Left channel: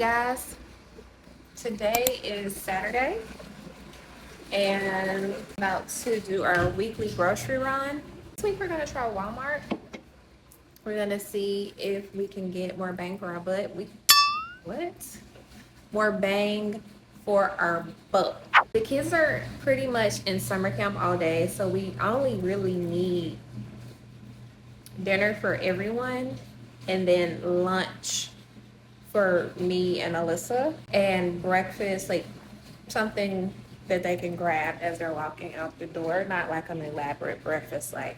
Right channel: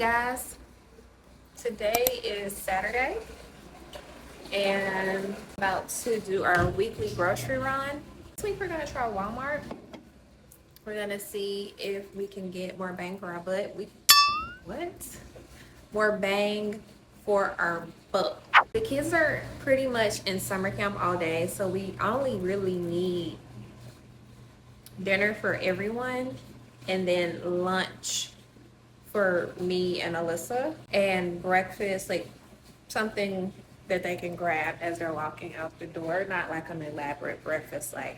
guys, today is Saturday and I'm about to do our weekly grocery run. This week we're gonna try Walmart. We're gonna see if we can get more bang for our butt. More bang for our buck. The kids are pretty much in summer camp all day, so we only really need dinner for everyone and then lunch for me and Alyssa, and breakfast, like something that they can grab as they're walking out the door, not like an elaborate breakfast like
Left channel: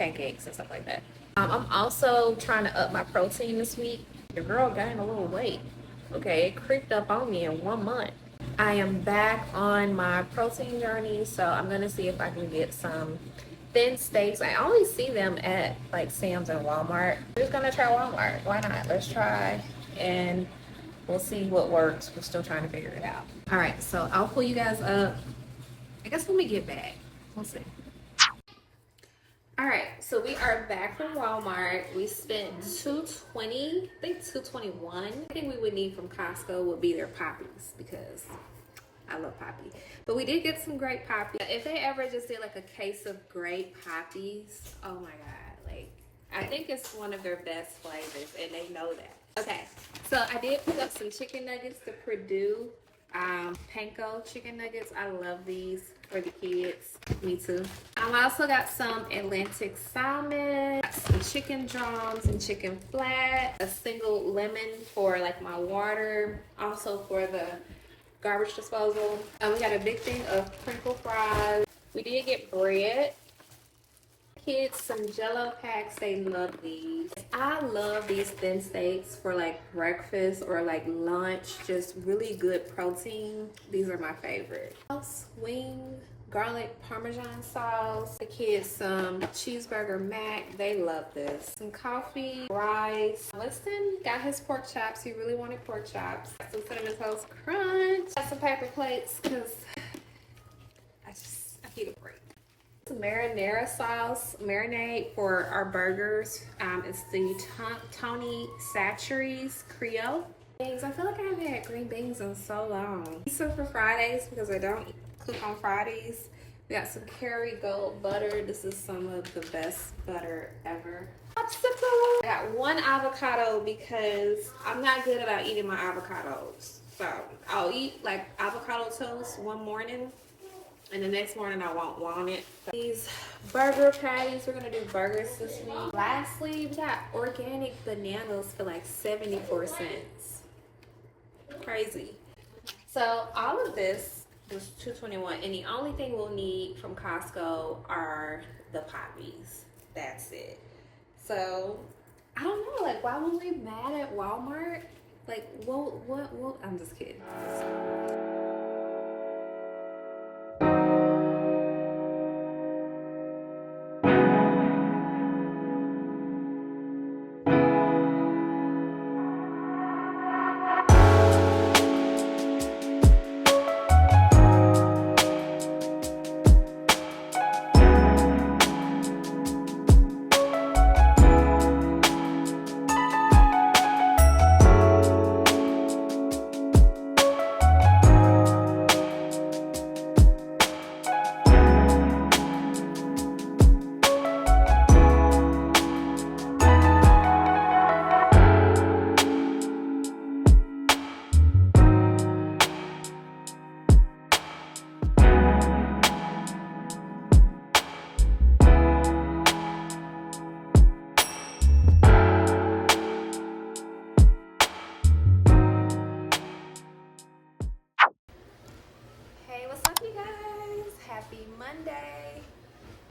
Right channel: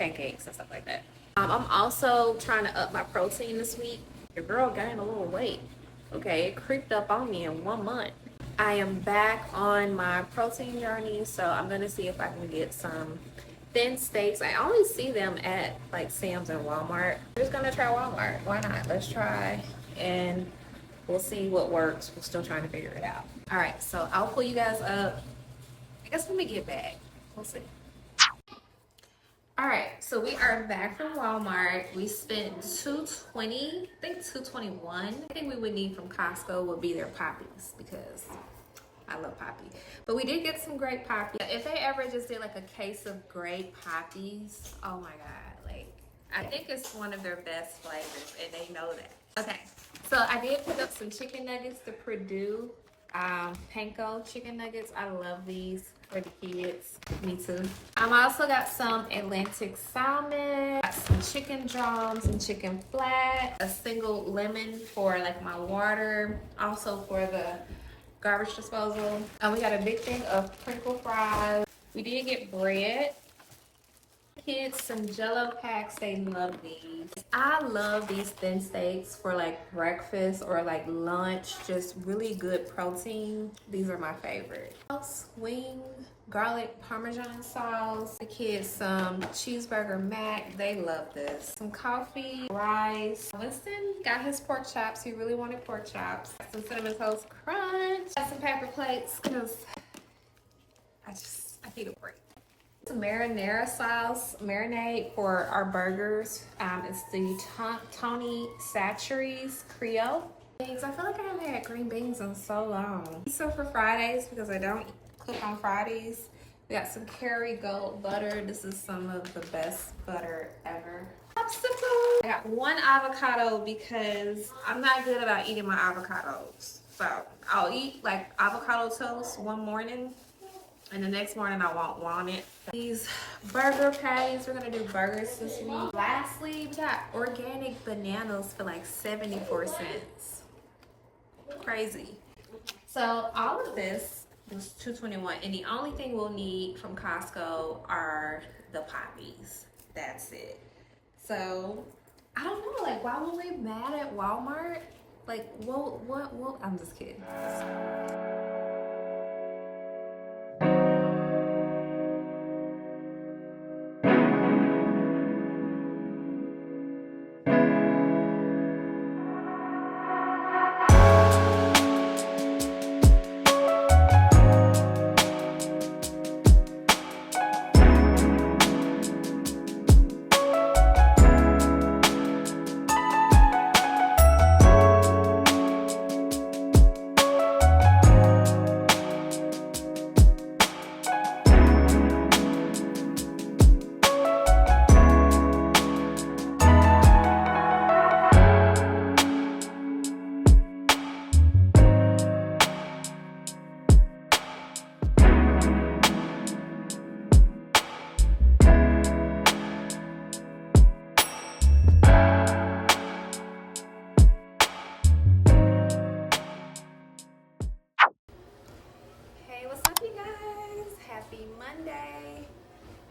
pancakes and stuff like that. I'm also trying to up my protein this week. Your girl gained a little weight. Okay, it creeped up on me in 1 month. I am back on my protein journey, so I'm gonna see if I can get some thin steaks. I only see them at like Sam's and Walmart. I'm just gonna try Walmart. Why not? Let's try and we'll see what works. We're still trying to figure it out. All right, so I'll pull you guys up. I guess when we get back, we'll see. All right, so we are back from Walmart. We spent $220, I think $221. I think we would need from Costco would be their poppies because I love poppy. But we did get some grape poppy. If they ever just did like a case of grape poppies, oh my God, like I think it's one of their best flavors and they know that. Okay, so I did pick up some chicken nuggets, the Purdue panko chicken nuggets. I love these for the kids. Me too. I also got some Atlantic salmon, got some chicken drums and chicken flat, a single lemon for like my water, also for the garbage disposal. And we got a big thing of crinkle fries. We did get bread. Kids some Jello packs. They love these. I love these thin steaks for like breakfast or like lunch. Just really good protein. These are my favorite. Wing, garlic parmesan sauce. The kids some cheeseburger mac. They love this. Some coffee, rice. Winston got his pork chops. He really wanted pork chops. Some cinnamon toast crunch. Got some paper plates because I need a break. Some marinara sauce, marinade for our burgers. It's the Tony Chachere's Creole. I feel like I haven't had green beans in so long. So for Fridays, because I don't cook on Fridays, we got some Kerrygold butter. This is some of the best butter ever. Popsicle. I got one avocado because I'm not good about eating my avocados. So I'll eat like avocado toast one morning, and the next morning I won't want it. These burger patties, we're gonna do burgers this week. Lastly, we got organic bananas for like 74 cents. Crazy. So all of this was $221, and the only thing we'll need from Costco are the poppies. That's it. So I don't know, like why were we mad at Walmart? Like what? I'm just kidding. Happy Monday.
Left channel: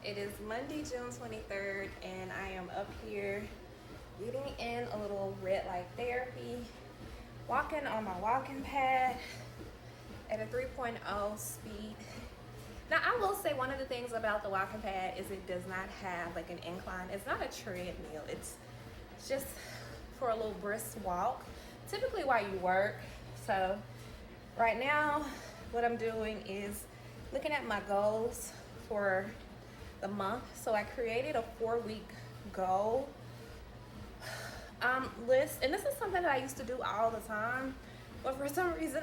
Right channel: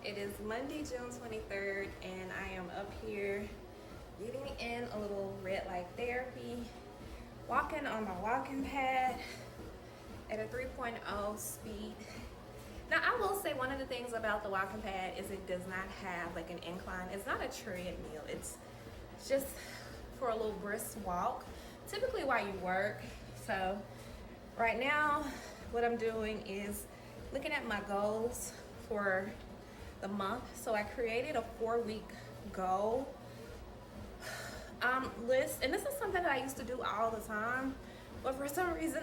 It is Monday, June 23rd, and I am up here getting in a little red light therapy, walking on my walking pad at a 3.0 speed. Now, I will say one of the things about the walking pad is it does not have like an incline. It's not a treadmill. It's just for a little brisk walk, typically while you work. So right now, what I'm doing is looking at my goals for the month. So I created a 4-week goal list, and this is something that I used to do all the time, But for some reason,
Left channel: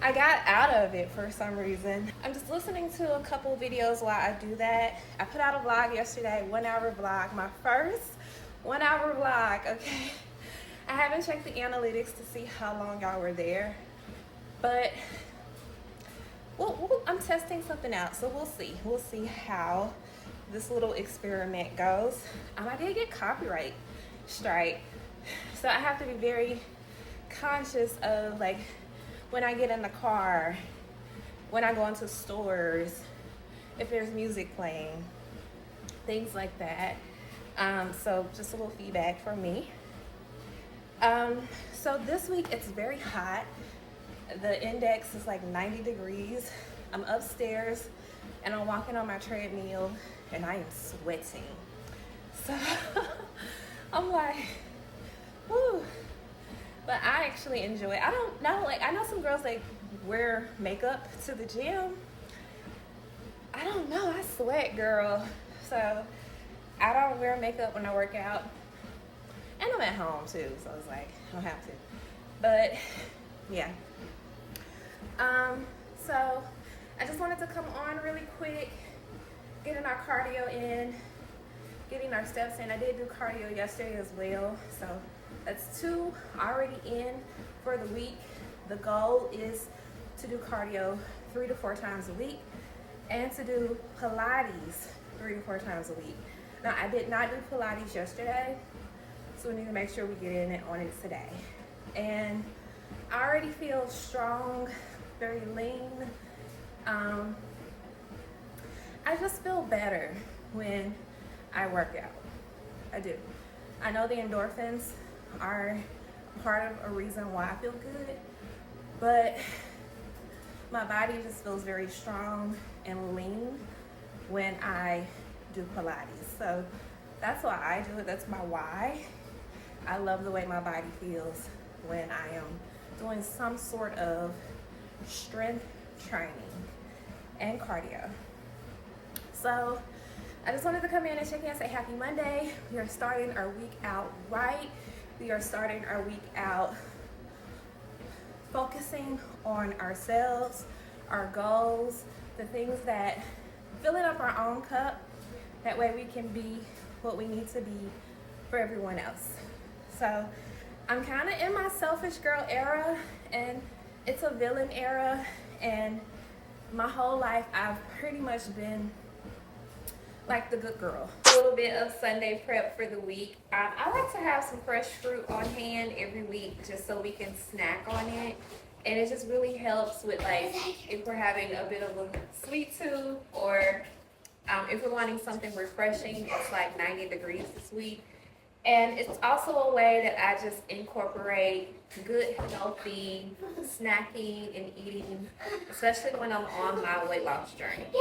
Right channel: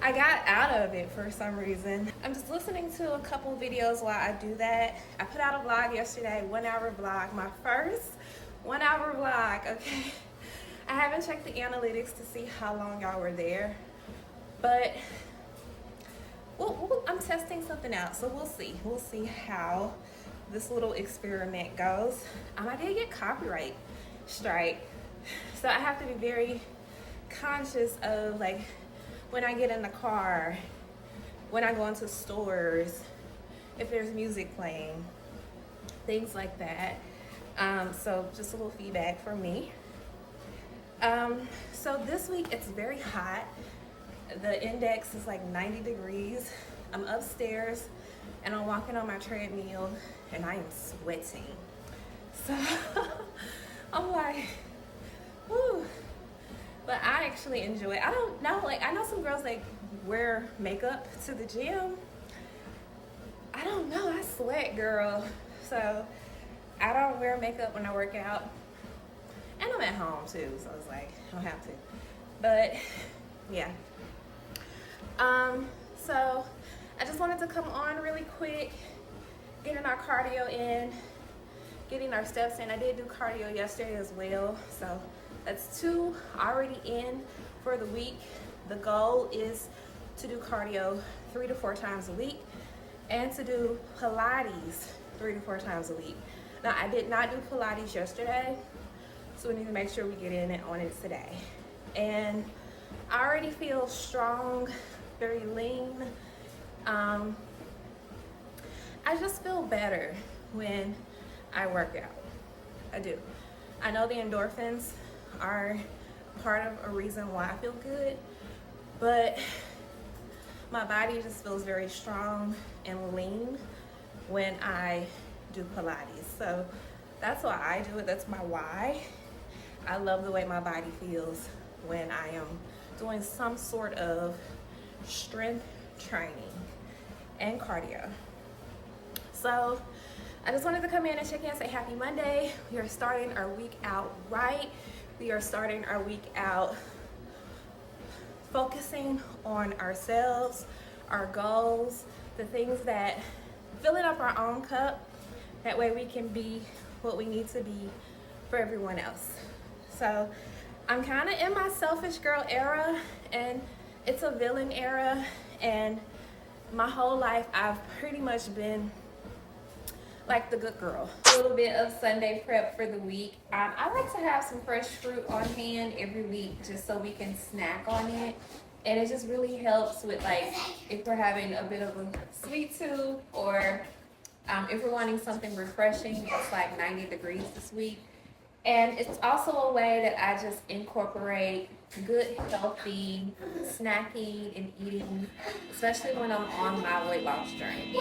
I got out of it for some reason. I'm just listening to a couple videos while I do that. I put out a vlog yesterday, 1 hour vlog, my first 1 hour vlog, okay? I haven't checked the analytics to see how long y'all were there, but I'm testing something out, so we'll see. We'll see how this little experiment goes. I did get copyright strike, so I have to be very conscious of, like, when I get in the car, when I go into stores, if there's music playing, things like that. So just a little feedback for me. So this week it's very hot. The index is like 90 degrees. I'm upstairs and I'm walking on my treadmill and I am sweating. So I'm like, whew. But I actually enjoy it. I don't know, like, I know some girls like wear makeup to the gym. I don't know, I sweat, girl. So I don't wear makeup when I work out. And I'm at home too, so it's like, I don't have to. But yeah. So I just wanted to come on really quick, getting our cardio in, getting our steps in. I did do cardio yesterday as well, so that's 2 already in for the week. The goal is to do cardio 3 to 4 times a week and to do Pilates 3 to 4 times a week. Now, I did not do Pilates yesterday, so we need to make sure we get in it on it today. And I already feel strong, very lean. I just feel better when I work out. I do. I know the endorphins are part of a reason why I feel good, but my body just feels very strong and lean when I do Pilates. So that's why I do it. That's my why. I love the way my body feels when I am doing some sort of strength training and cardio. So I just wanted to come in and check in and say happy Monday. We are starting our week out right. We are starting our week out focusing on ourselves, our goals, the things that filling up our own cup. That way we can be what we need to be for everyone else. So I'm kind of in my selfish girl era, and it's a villain era, and my whole life I've pretty much been like the good girl. A little bit of Sunday prep for the week. I like to have some fresh fruit on hand every week just so we can snack on it. And it just really helps with, like, if we're having a bit of a sweet tooth, or if we're wanting something refreshing. It's like 90 degrees this week. And it's also a way that I just incorporate good, healthy snacking and eating, especially when I'm on my weight loss journey.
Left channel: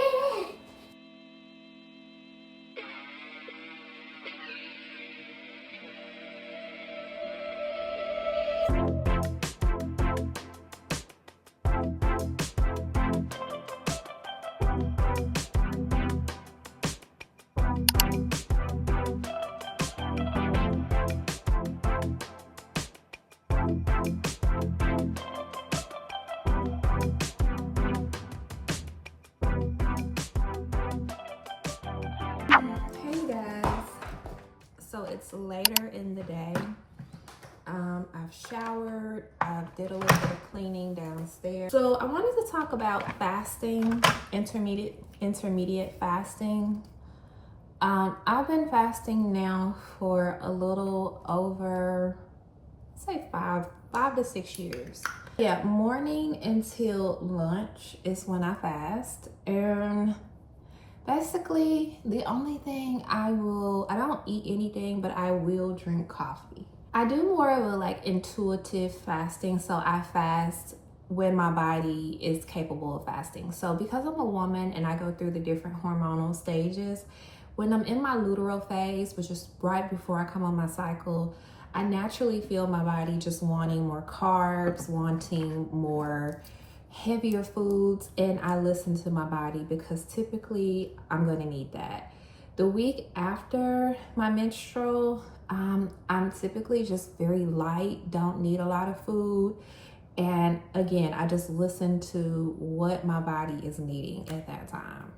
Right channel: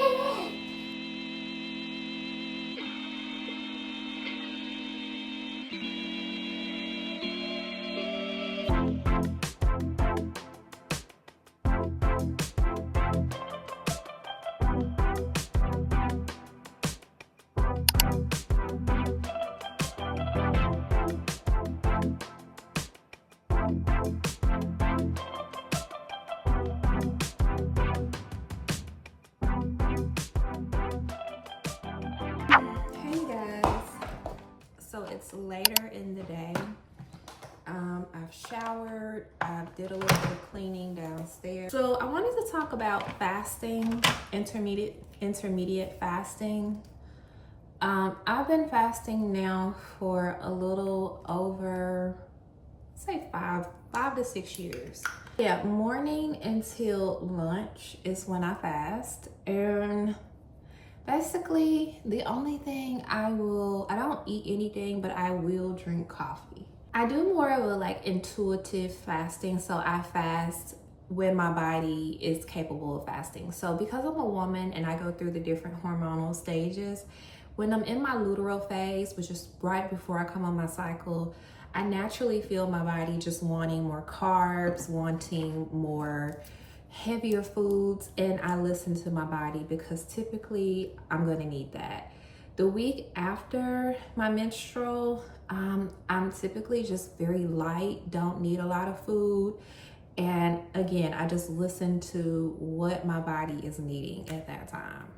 It's later in the day. I've showered, I did a little bit of cleaning downstairs. So I wanted to talk about fasting, intermediate fasting. I've been fasting now for a little over, say 5 to 6 years. Yeah, morning until lunch is when I fast, and basically, the only thing I don't eat anything, but I will drink coffee. I do more of a like intuitive fasting, so I fast when my body is capable of fasting. So because I'm a woman and I go through the different hormonal stages, when I'm in my luteal phase, which is right before I come on my cycle, I naturally feel my body just wanting more carbs, wanting more heavier foods, and I listen to my body because typically I'm going to need that. The week after my menstrual I'm typically just very light, don't need a lot of food. And again, I just listen to what my body is needing at that time.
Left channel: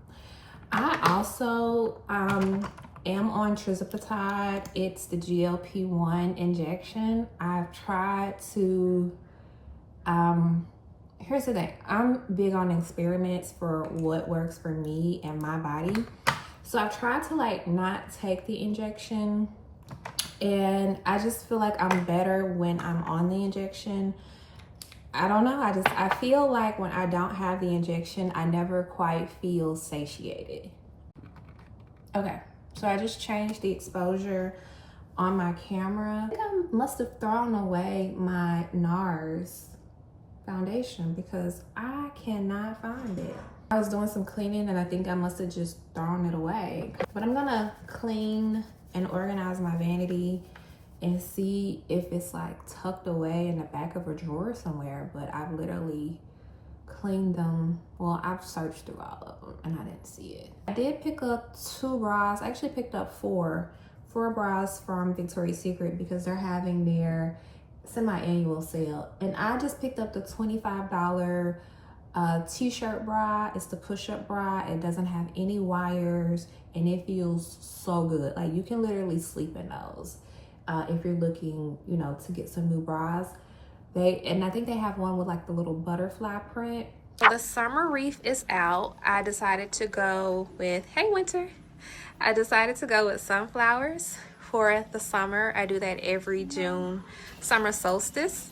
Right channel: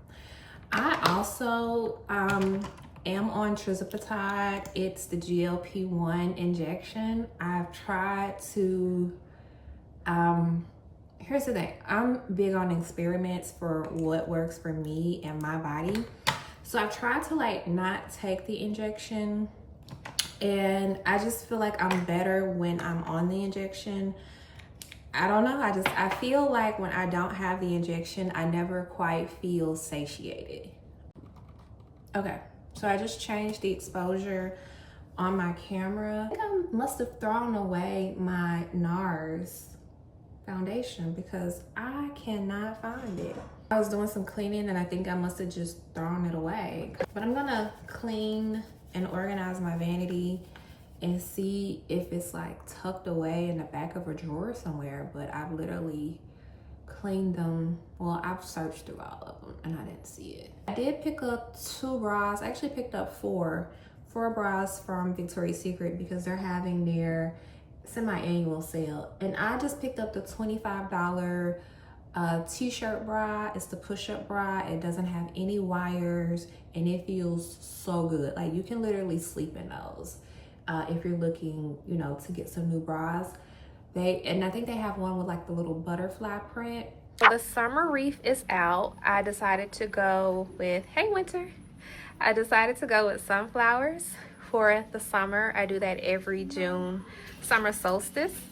I also am on tirzepatide. It's the GLP-1 injection. I've tried to, here's the thing. I'm big on experiments for what works for me and my body. So I've tried to like not take the injection, and I just feel like I'm better when I'm on the injection. I don't know. I feel like when I don't have the injection, I never quite feel satiated. Okay, so I just changed the exposure on my camera. I think I must have thrown away my NARS foundation because I cannot find it. I was doing some cleaning and I think I must have just thrown it away. But I'm gonna clean and organize my vanity and see if it's like tucked away in the back of a drawer somewhere. But I've literally cleaned them. Well, I've searched through all of them and I didn't see it. I did pick up 2 bras. I actually picked up 4 bras from Victoria's Secret because they're having their semi-annual sale. And I just picked up the $25 t-shirt bra. It's the push-up bra. It doesn't have any wires and it feels so good. Like you can literally sleep in those if you're looking, you know, to get some new bras. And I think they have one with like the little butterfly print. So the summer reef is out. I decided to go with, hey winter. I decided to go with sunflowers for the summer. I do that every June, summer solstice.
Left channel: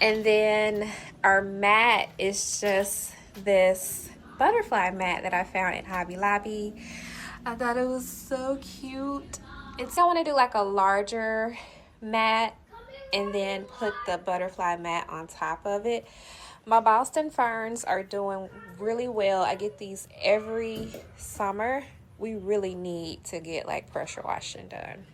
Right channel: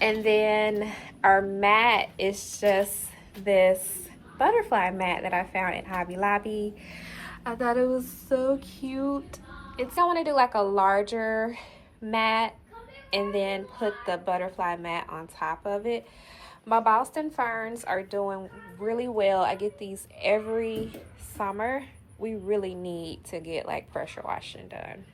And then our mat is just this butterfly mat that I found at Hobby Lobby. I thought it was so cute. I want to do like a larger mat and then put the butterfly mat on top of it. My Boston ferns are doing really well. I get these every summer. We really need to get like pressure washing done.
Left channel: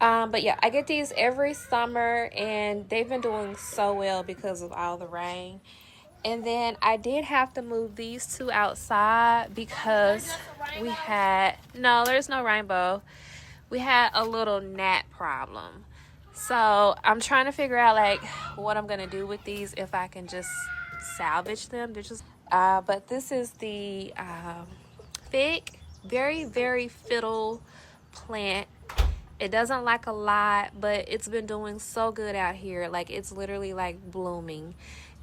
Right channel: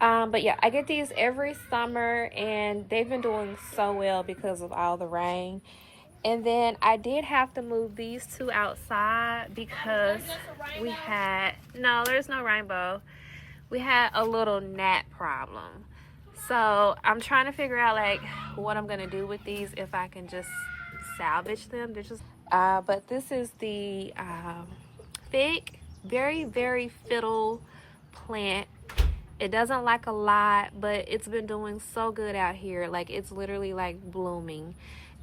But yeah, I get these every summer and they've been doing so well because of all the rain. And then I did have to move these 2 outside because we had, no, there's no rainbow. We had a little gnat problem. So I'm trying to figure out like what I'm gonna do with these, if I can just salvage them. They're just, but this is the fig, very, very fiddle plant. It doesn't like a lot, but it's been doing so good out here. Like it's literally like blooming.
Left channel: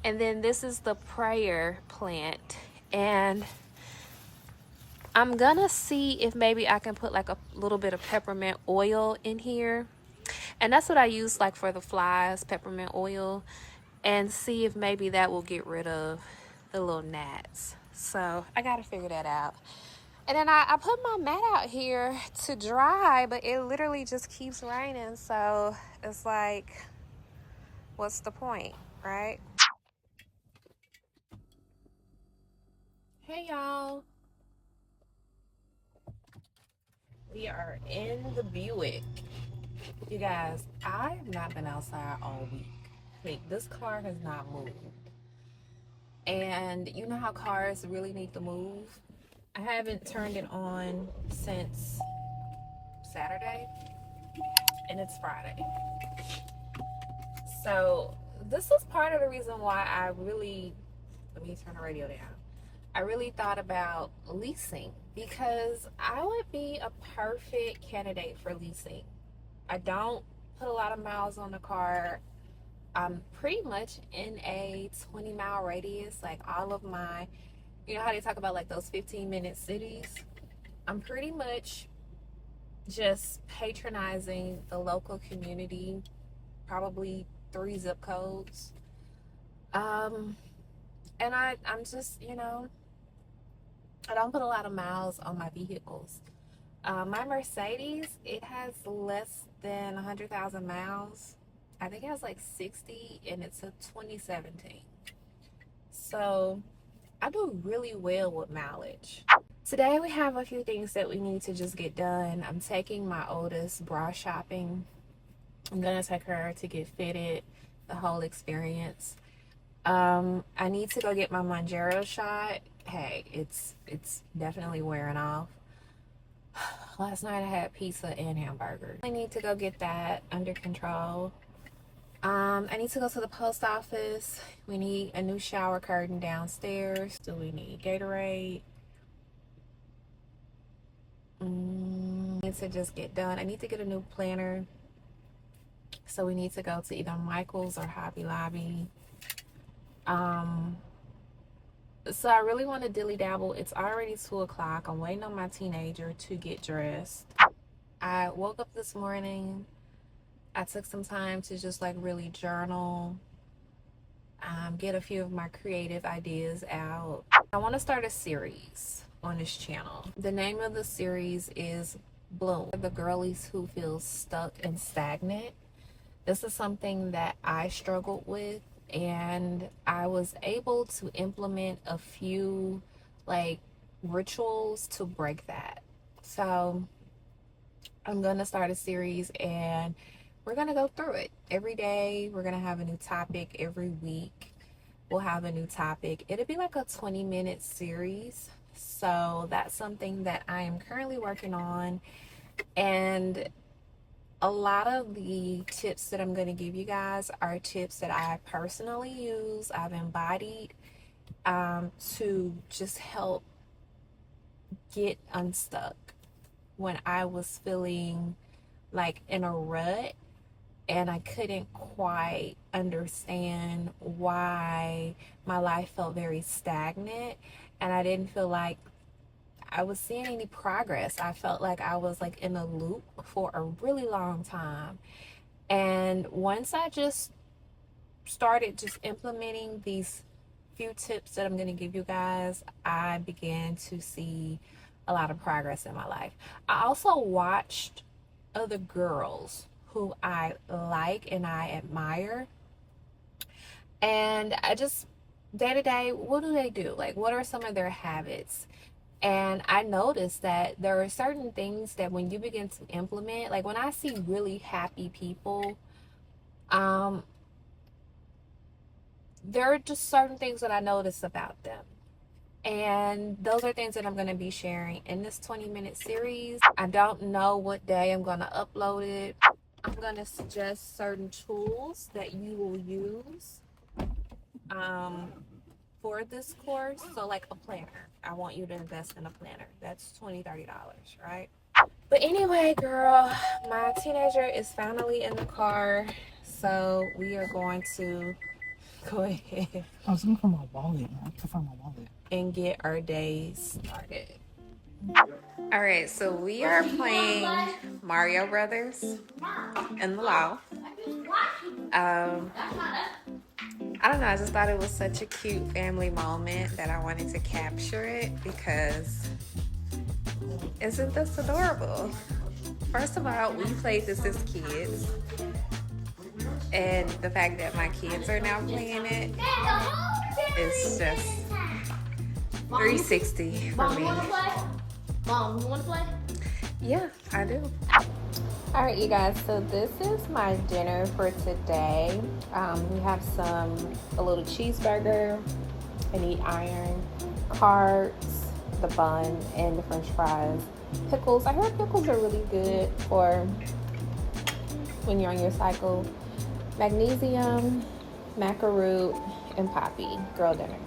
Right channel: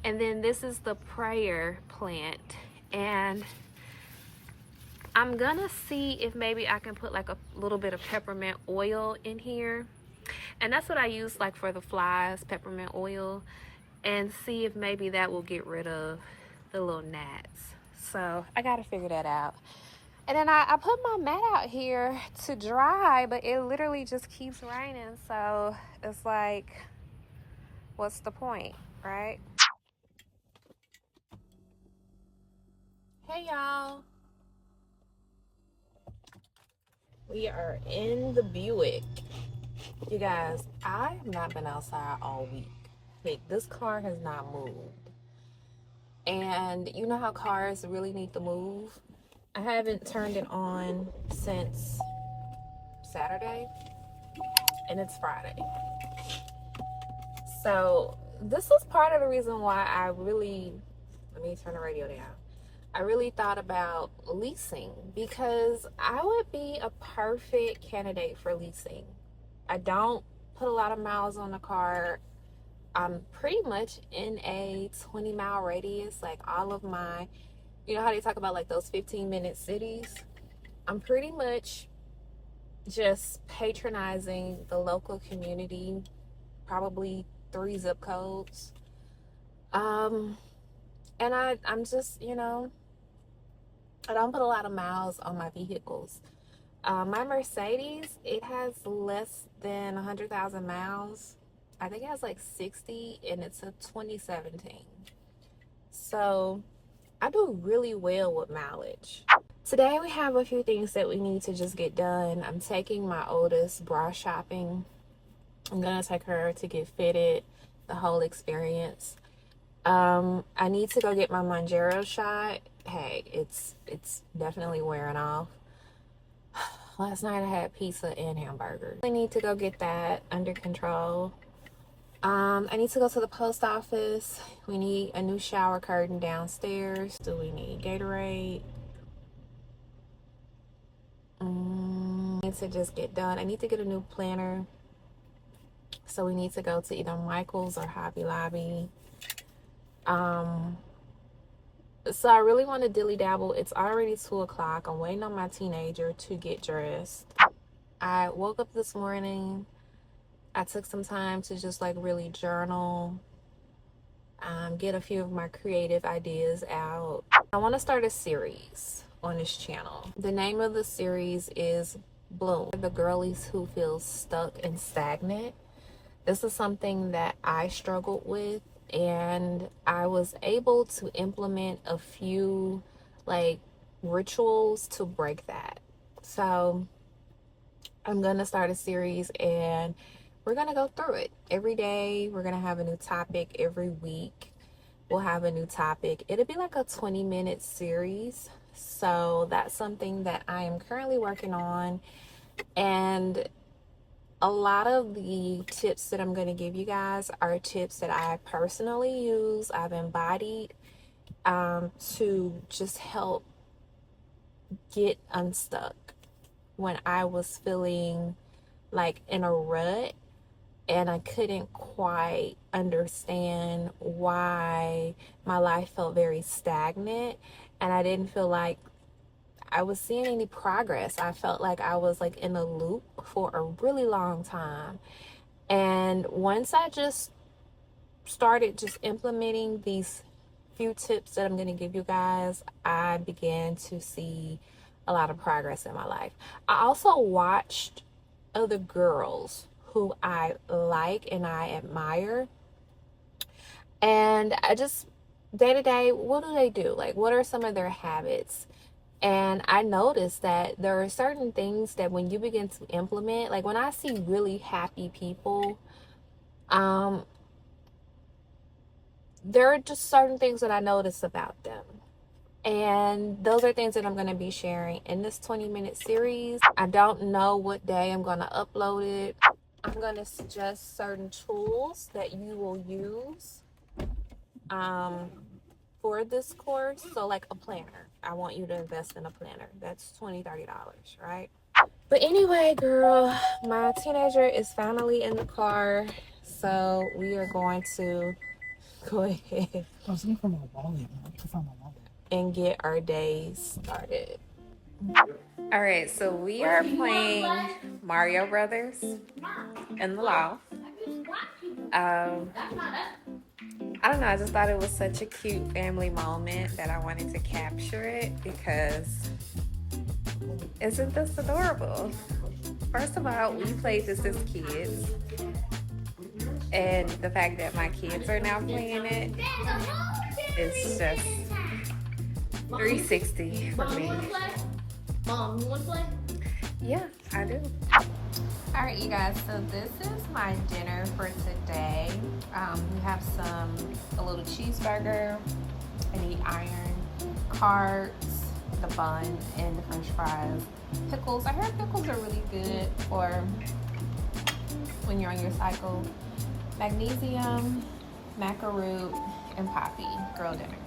And then this is the prayer plant. And I'm gonna see if maybe I can put like a little bit of peppermint oil in here. And that's what I use like for the flies, peppermint oil. And see if maybe that will get rid of the little gnats. So I gotta figure that out. And then I put my mat out here to dry, but it literally just keeps raining. So it's like, what's the point, right? Hey y'all. We are in the Buick. You guys, I have not been outside all week. Like, this car has not moved. And you know how cars really need to move? I haven't turned it on since Saturday, and it's Friday. So this was part of the reason why I really, let me turn the radio down. I really thought about leasing because I would be a perfect candidate for leasing. I don't put a lot of miles on the car. I'm pretty much in a 20-mile radius. Like all of my, you know how they talk about like those 15-minute cities? I'm pretty much just patronizing the local community, probably 3 zip codes. And I'm just, you know, I don't put a lot of miles on my vehicles. My Mercedes, it has less than 100,000 miles. I think it has like 60, and it's a 2017. So I do really well with mileage. Today we have a few things that we need to just get done. I'm taking my oldest bra shopping. I'm gonna take her to get fitted, the whole experience. I need to go get my Monjero shot. Hey, it's definitely wearing off. Last night I had pizza and hamburgers. I need to go get that under control. I need to go to the post office. We need a new shower curtain downstairs. Do we need Gatorade? Need to just get done. I need to get a new planner. So we need to go to either Michael's or Hobby Lobby. So I really want to dilly dabble. It's already 2 o'clock. I'm waiting on my teenager to get dressed. I woke up this morning. I took some time to just like really journal, get a few of my creative ideas out. I want to start a series on this channel. The name of the series is Bloom, the girlies who feel stuck and stagnant. This is something that I struggled with, and I was able to implement a few like rituals to break that. So I'm gonna start a series and we're gonna go through it every day. We're gonna have a new topic every week. We'll have a new topic. It'll be like a 20-minute series. So that's something that I am currently working on. And a lot of the tips that I'm going to give you guys are tips that I personally use, I've embodied to just help get unstuck when I was feeling like in a rut and I couldn't quite understand why my life felt very stagnant, and I didn't feel like I was seeing any progress. I felt like I was like in a loop for a really long time. And once I just started just implementing these few tips that I'm going to give you guys, I began to see a lot of progress in my life. I also watched other girls who I like and I admire, and I just day to day, what do they do? Like, what are some of their habits? And I noticed that there are certain things that when you begin to implement, like when I see really happy people, there are just certain things that I notice about them. And those are things that I'm going to be sharing in this 20-minute series. I don't know what day I'm going to upload it. I'm going to suggest certain tools that you will use for this course. So like a planner. I want you to invest in a planner. That's $20-$30, right? But anyway, girl, my teenager is finally in the car. So we are going to go ahead. I was looking for my wallet. I can't find my wallet. And get our day started. All right, so we are playing Mario Brothers in the loft. I don't know, I just thought it was such a cute family moment that I wanted to capture it because isn't this adorable? First of all, we played this as kids, and the fact that my kids are now playing it is just 360 for me. Mom, you want to play? Yeah, I do. All right, you guys, so this is my dinner for today. We have a little cheeseburger, an eat iron, carbs, the bun, and the french fries. Pickles, I heard pickles are really good for when you're on your cycle. Magnesium, macaroon, and poppy, girl dinner.